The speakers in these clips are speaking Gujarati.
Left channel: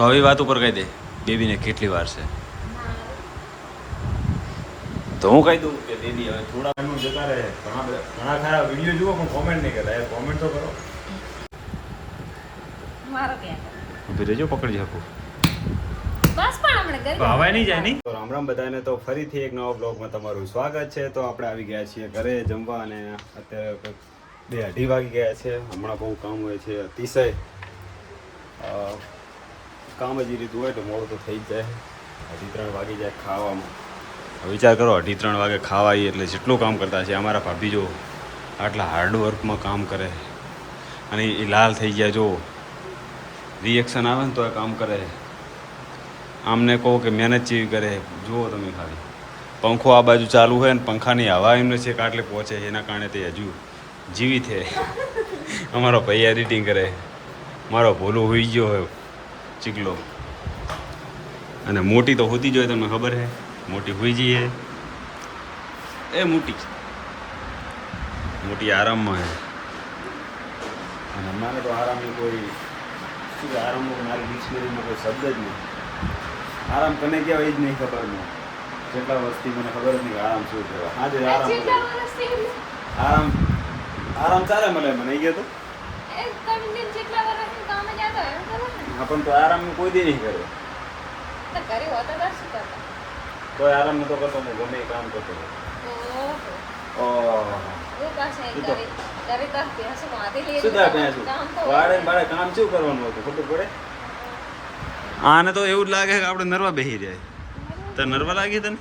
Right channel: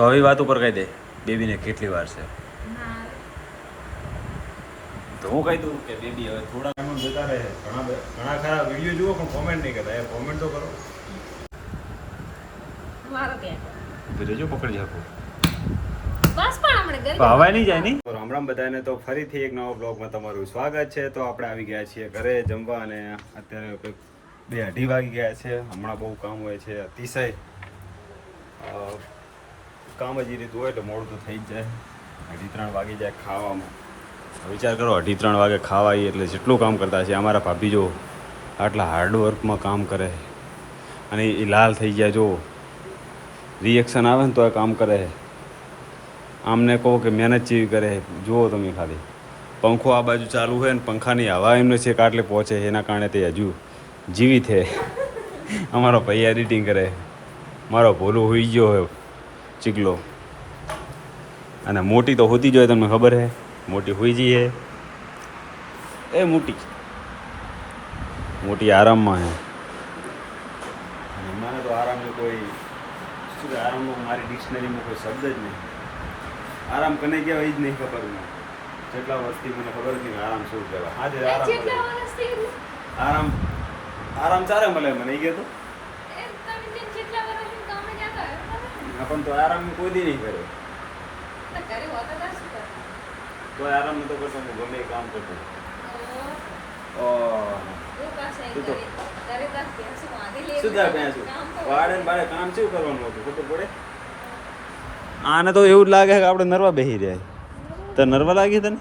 તો હવે વાત ઉપર કહી દે બેબીને કેટલી વાર છે. તો હું કહી દઉં કે બેબી હવે થોડા ટાઈમ જતા રહે. ઘણા ખરા વિડીયો જુઓ પણ કોમેન્ટ નહીં કરતા. યાર કોમેન્ટ તો કરો. ઉભી રહેજો, પકડી શકું. હવાય નહીં જાય નહીં. તો રામ રામ બધાને. તો ફરીથી એક નવા બ્લોગમાં તમારું સ્વાગત છે. તો આપણે આવી ગયા છીએ ઘરે જમવા અને અત્યારે 2:30 વાગી ગયા છે. હમણાં બહુ કામ હોય છે અતિશય. કામ જ એ રીતું હોય તો મોડું તો થઈ જ જાય. 2:30 વાગી જાય ખાવામાં. વિચાર કરો 2:30 વાગે ખાવા આવીએ એટલે જેટલું કામ કરતા છે. અમારા ભાભી જો આટલા હાર્ડવર્કમાં કામ કરે અને એ લાલ થઈ ગયા. જો રિએક્શન આવે ને તો એ કામ કરે. આમને કહો કે મહેનત જેવી કરે. જુઓ તમે ખાલી પંખો આ બાજુ ચાલુ હોય ને પંખાની હવા એમને છે કાટલે પહોંચે. એના કારણે તે હજુ જીવી છે. અમારો ભાઈ એડિટિંગ કરે. મારો ભોલું હોઈ ગયો હોય ચીકલો. અને મોટી તો હોતી જ હોય, તમને ખબર છે. મોટી હોઈ જઈએ એ મોટી આરામમાં છે. મને તો આરામની કોઈ શું આરામનો મારી ડિક્શનરીમાં કોઈ શબ્દ જ નહીં. આરામ કને કહેવાય એ જ નહીં ખબર. મને જેટલા વર્ષથી મને ખબર જ નહીં કે આરામ શું કહેવાય. આજે આરામ ચાલે મળે મને એ કહેતો પણ તો આરામ કોઈ દી નહીં કરે. તો આરામ નતો કરતો. હું ગમે એ કામ કરતો. વાડે કામ શું કરવાનું હતું ખબર પડે. આને તો એવું જ લાગે કે આપણે નરવા બેસી રહ્યા. તો નરવા લાગી તને?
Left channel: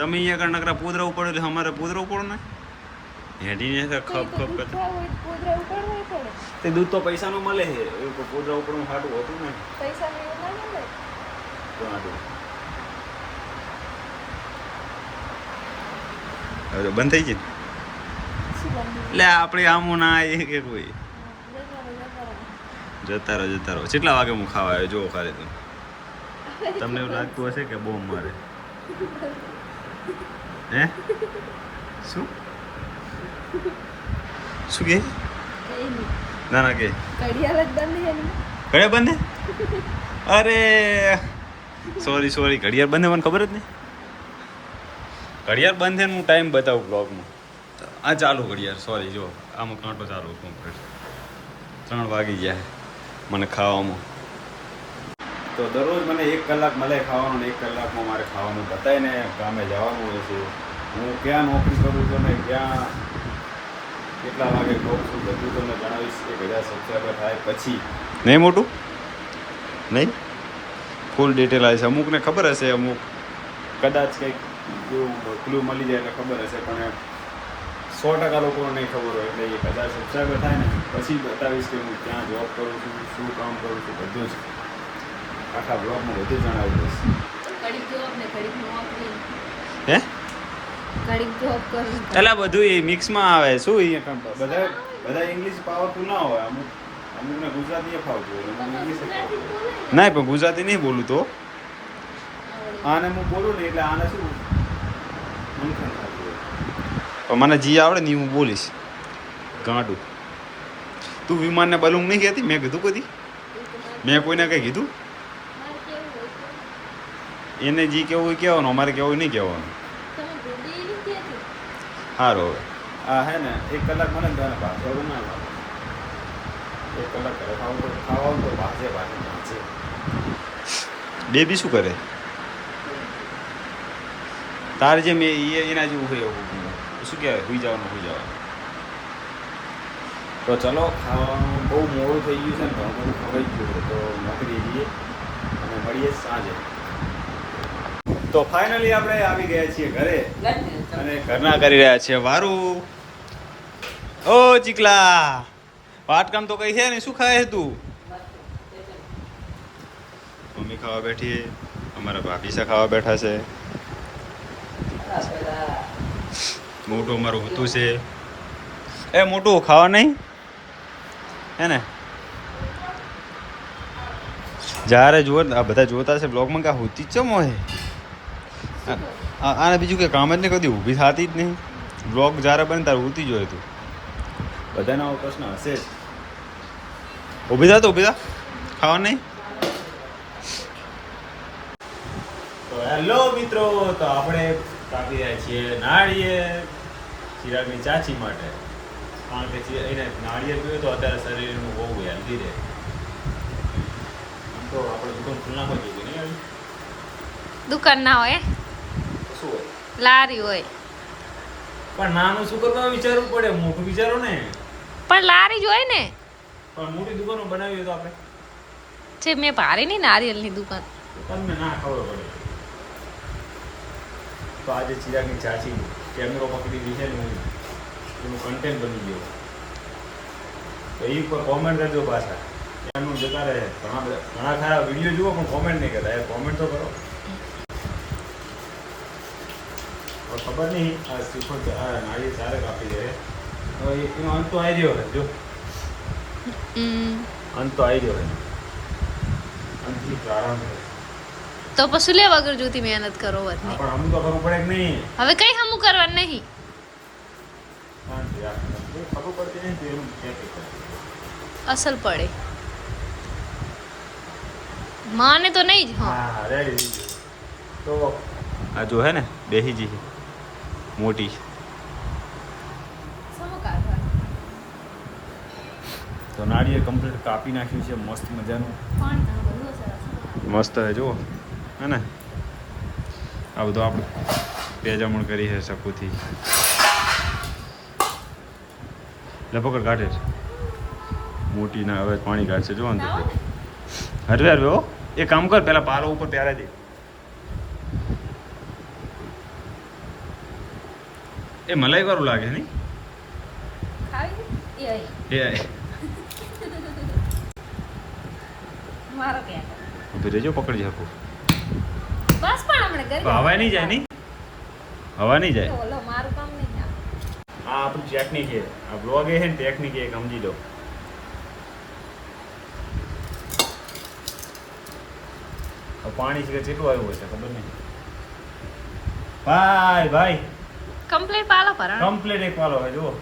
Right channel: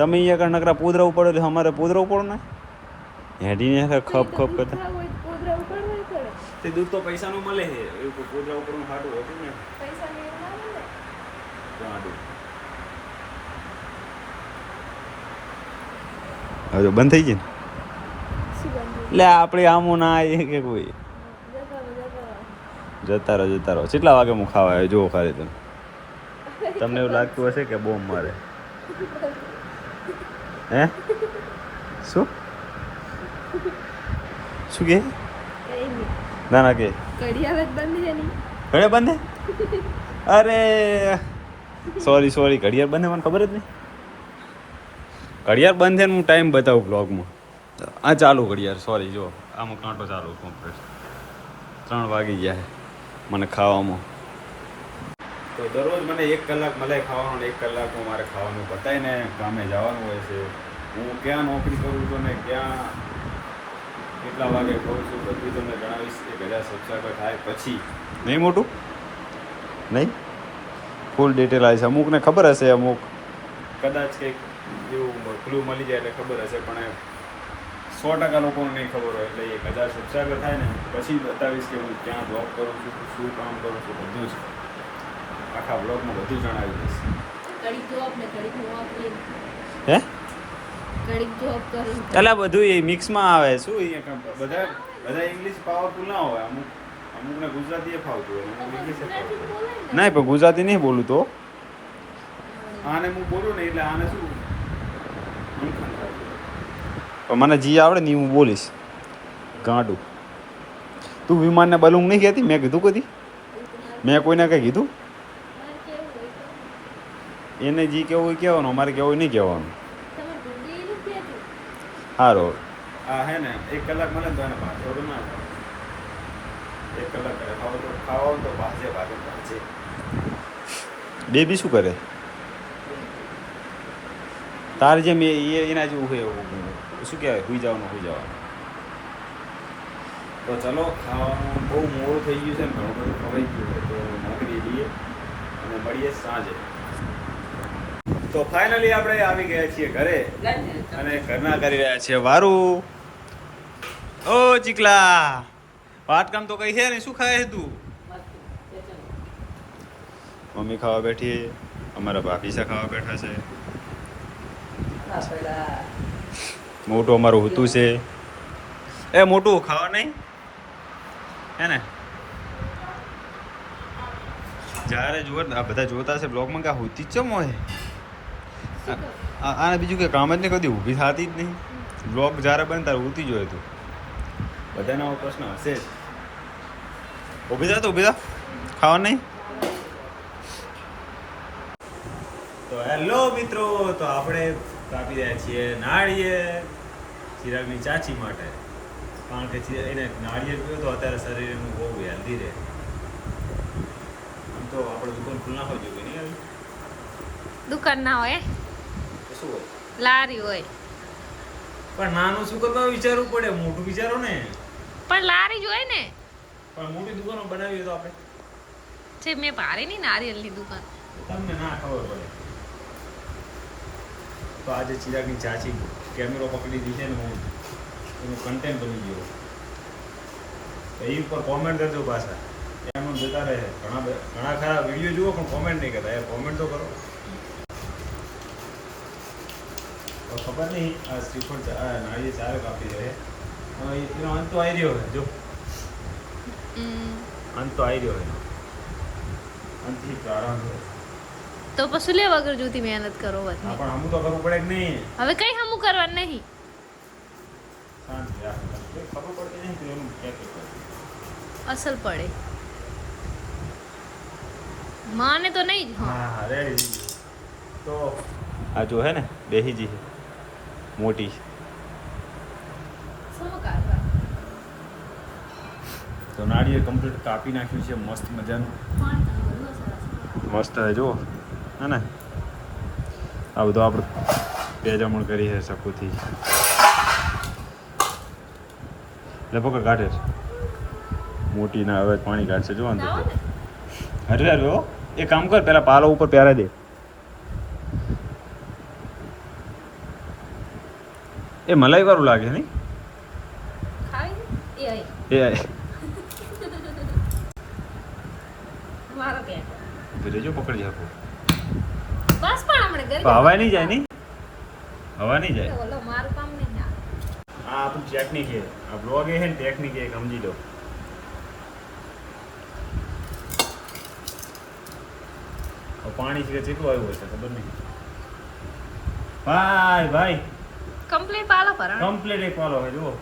તમે અહીંયા કણ નકરા પૂદરા ઉપાડો એટલે અમારે પૂદરા ઉપાડો ને હેડીને ખપ કરતા. તે દૂધ તો પૈસાનું મળે છે. એવું પૂદરા ઉપાડવું સારું હોતું ને. તો આટલું હવે બંધ થઈ જાય એટલે આપણે આમું ના આવીએ કે કોઈ જતા રહો. કેટલા વાગે હું ખાવા આવ્યો જુઓ ખાલી તમે. તમને એવું લાગતું હશે કે બોમ્બ મારે. હે શું કે ના કે ઘડિયાળ બંધ. અરે સોરી ઘડિયાળ બંધ મને ખબર જ નહીં. ઘડિયાળ બંધ છે ને હું ટાઈમ બતાવું બ્લોગમાં. આ ચાલુ ઘડિયાળ સોરી જો આમાં કાંટો ચાલુ કમ્પ્લીટ 3 વાગી જાય મને ખાવામાં. તો દરરોજ મને 1 કલાક મળે ખાવાનું ને 1 કલાકમાં મારે ખાવાનું બતાવીને કામે જવાનું હોય છે. હું ક્યાં નોકરી કરું છું ને ક્યાં કેટલા વાગે ખાઉં છું બધું તમને જણાવીશ. 1000 સબસ્ક્રાઈબર થાય પછી. નહીં મોટું નહીં ફૂલ ડિટેલ આવે છે. અમુકને ખબર હશે, અમુક કદાચ કંઈક એવું ક્લુ મળી જાય એટલે ખબર હશે, પણ 100% લોકોને નહીં ખબર હોય. એટલે 1000 સબસ્ક્રાઈબર થાય ને પછી બતાવીશ કે હું ક્યાં જોબ કરું છું, શું કામ કરું છું, બધું જ આખા બ્લોગમાં બધું જણાવી દઈશ. હે એટલે બધું એ મિક્સમાં આવે. શું બધા ઇંગ્લિશ પાવરફુલ ના હોય. અમુકને ગુજરાતી ફાવતું હોય, અમુક ઇંગ્લિશ ફાવતું હોય. નહીં પણ ગુજરાતી નહીં બોલું તો આને હું બોલું ને એટલે આને શું પણ મને જી આવડે ને હું બોલીશ. ગાંડું તું વિમાનને બલૂંગ નહીં કહેતી? મેં કીધું કદી? મેં કોઈને કંઈ કીધું? એને જી કેવું હોય કહેવાનું, અમારે કેવું નહીં કહેવાનું. સારું હવે હા હે ને 1 કલાક મળે ને તો એને ભાજે ના લાવે. 1 કલાક કરે ખાવાનું તો ભાજે. બેબી શું કરે? તારે જેમ એના જેવું હોય એવું શું કહેવાય સુઈ જવાનું. તો ચલો ખાવાનું બહુ મોડું થઈ ગયું છે ને ઘણું બધું ખવાઈ ગયું છે. તો નોકરી જઈએ અને મળીએ સાંજે. તો ફાઇનલી આપણે આવી ગયા છીએ ઘરે અને ઘરના કરી રહ્યા છીએ વારું. ઓ ચીકલા વાટકામ તો કઈ છે ને શું ખાય તું? મમ્મી ખાવા બેઠી, અમારા ભાભીસા ખાવા બેઠા છે. મોટું અમારું હોતું છે. એ મોટું ખાવા નહીં હે ને? જ્યારે જુઓ આ બધા જોતા છે બ્લોગમાં કે હોતી જ ચમ હોય. આને બીજું કે કામ જ નહીં કદી ઊભી થતી જ નહીં. બ્લોગ જ્યારે બને ત્યારે હોતી જ હોય. તું બધાને આવો પ્રશ્ન હશે જ. ઊભી થા ખાવા નહીં. તો હેલો મિત્રો, તો આપણે કાપી રહ્યા છીએ નાળિયેર ચિરાગની ચાચી માટે, કારણ કે એને નાળિયેર પીવે તો અત્યારે શરીરનું બહુ હેલ્ધી રહે. આમ તો આપણે દુકાન ખુલ્લા હોય જોઈએ નહીં આવી દુકાન ના હોય, તો શું હોય, લારી હોય. પણ નાનું શું કરવા વિચારવું પડે, મોટું વિચારો ને. પણ લારી જ હોય ને. પણ મોટી દુકાનો બનાવી હોય તો આપણે જે મેં પારી ની નારિયેલની દુકાન, તમને ના ખબર પડે. તો આજે ચિરાગની ચાચી કેમેરો પકડી દી છે ને, હું એનું કન્ટેન્ટ બની ગયો. તો એ ઉપર કોમેન્ટ કરજો પાછા, એમનું જતા રહે. ઘણા ખરા વિડીયો જુઓ પણ કોમેન્ટ નહીં કરતા. યાર કોમેન્ટ તો કરો. ખબર નહીં આ શ્રીફળ નાળિયેર ચારે કાપી દે. હવે એનો અંત તો આવી રહ્યો છે. જો અંત તો આવી રહ્યો છે. અંતથી પ્રારંભ છે. તો પછી લે વગર જોતી મહેનત કરો વતની. પણ હમું તો કરવું પડે કે નહીં? હવે કઈ હમું કરવાનું નહીં. શાંતિ રાખ. ખબર પડતી નહીં તો એનું ક્યાં અસલ પડે માને તો નહીં જ. હા રેડી. તો આ જો હે ને બેહીજી છે મોટી, તો નાળિયેર કમ્પ્લીટ કાપી નાખ્યું છે મસ્ત મજાનું. મસ્ત હે જુઓ હે ને. આ બધું આપણે પેજામણ કરી છે શકુથી. લપકડ કાઢે મોટી ના હવે પાણી કાઢશે. જો અંદર હરવે હરવે હો. એ કામ કર, પેલા પાલો ઉપર પહેરાઈ દે. એ મલાઈ વાળું લાગે નહીં? એ ઉભી રહેજો, પકડી શકું. બસ પણ હમણે કરી હવા નહીં જાય નહીં? હવા નહીં જાય. ઓલો મારું કામ નહીં. આ આપણું ટેકનિક છે. આ બ્લોગ છે ને ટેકનિક એક સમજી લો. પાણી છે કેટલું આવ્યું હોય છે ખબર નહીં. ભાઈ ભાઈ કમ્પ્લીટ પાલો ભરણ. કમ્પ્લીટ એક પાલો હોય જુઓ.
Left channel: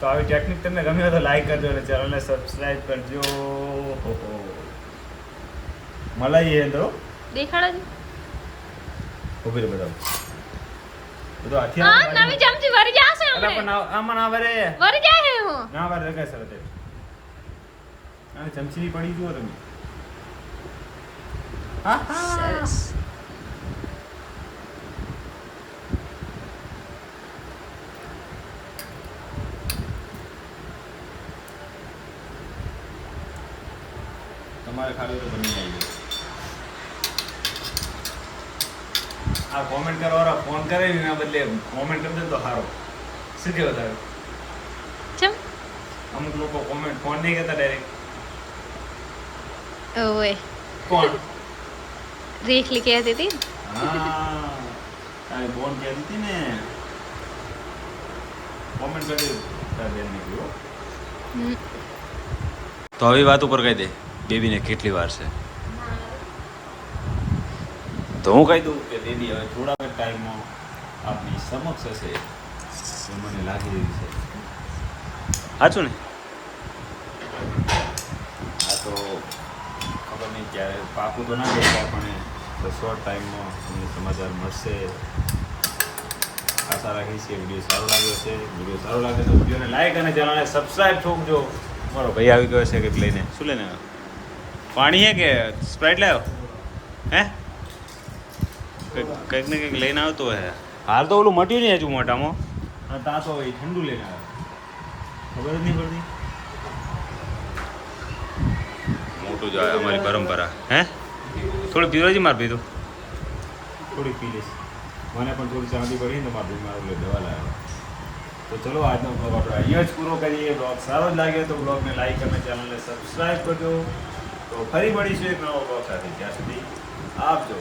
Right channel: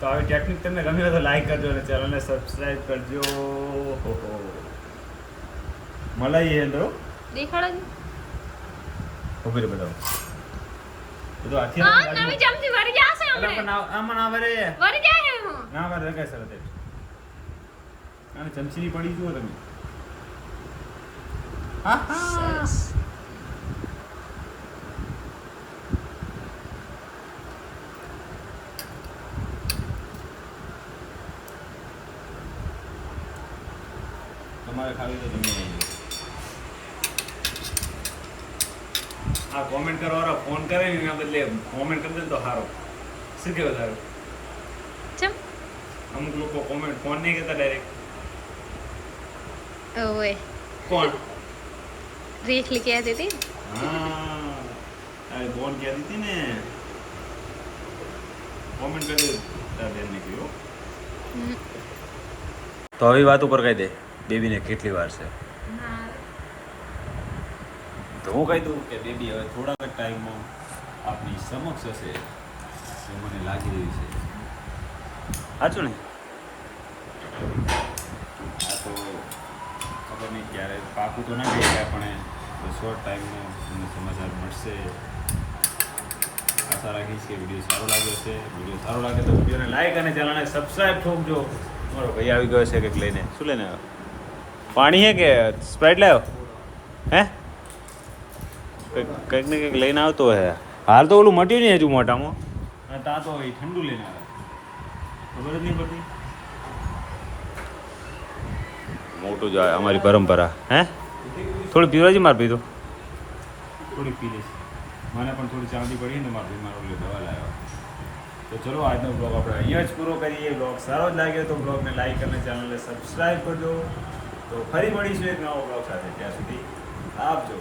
તો આવી ટેકનિક તમને ગમી હોય તો લાઈક કરજો અને ચેનલને સબસ્ક્રાઇબ કરજો. મલાઈ એ તો દેખાડો જ. ઉભી રહે બતાવો. બધું હાથી હા નવી ચમચી વરી જાશે હમણે. પણ આમાં ના વરે. વરી જાય હું. ના વરે રગાય સર તે. આને ચમચીની પડી જુઓ તમે. સરસ. તમારે ખાવી તો તમે આવી જાઓ. આ કોમેન્ટ કરવાવાળા ફોન કરે ને એના બદલે કોમેન્ટ કરી દે તો સારો. શું કેવું તારું? ચમ અમુક લોકો કોમેન્ટ ફોન નહીં કરતા ડાયરેક્ટ. ઓય કોણ? રેખલી કહેતી હતી. હા તારી બોન કહેતી હતી ને. કોમેન્ટ કરી દે તારી બેનને કયો. તો હવે વાત ઉપર કહી દે બેબીને કેટલી વાર છે. તો હું કહી દઉં કે બેબી હવે થોડાક જ ટાઈમમાં આપણી સમક્ષ હશે એ મને લાગી રહ્યું છે. સાચું ને? હા તો ખબર નહીં ક્યારે પાકું તો ના દેખાય પણ શોર્ટ ટાઈમમાં તમને સમાચાર મળશે. આશા રાખીશ કે વિડીયો સારો લાગ્યો છે. વિડીયો સારો લાગે તો વિડીયોને લાઈક અને ચેનલને સબસ્ક્રાઈબ ઠોકજો. મારો ભાઈ આવી ગયો છે કંઈક લઈને. શું લઈને આવ્યો? પાણી હે કે સ્પ્રાઇટ લાવ્યો? હે કંઈક ને કંઈક લઈને આવતો હે. હાલ તો ઓલું મટ્યું નહીં હજુ મોઢામાં. અને તા તો એ ઠંડુ લઈને આવે. ખબર જ નહીં પડતી. મોટું જ આવે અમારી પરંપરા. હે થોડી પીવાજી માર પીધું. થોડીક પી લઈશ. મને પણ થોડી ચાંદી પડી ને મારા ભાઈ મારો દવા લાવ્યો. તો ચલો આજનો બ્લોગ આપણે અહીંયા જ પૂરો કરીએ. બ્લોગ સારો જ લાગ્યો તો બ્લોગને લાઈક અને ચેનલને સબસ્ક્રાઈબ કરજો. તો ફરી મળીશું એક નવો બ્લોગ સાથે. ત્યાં સુધી આવજો.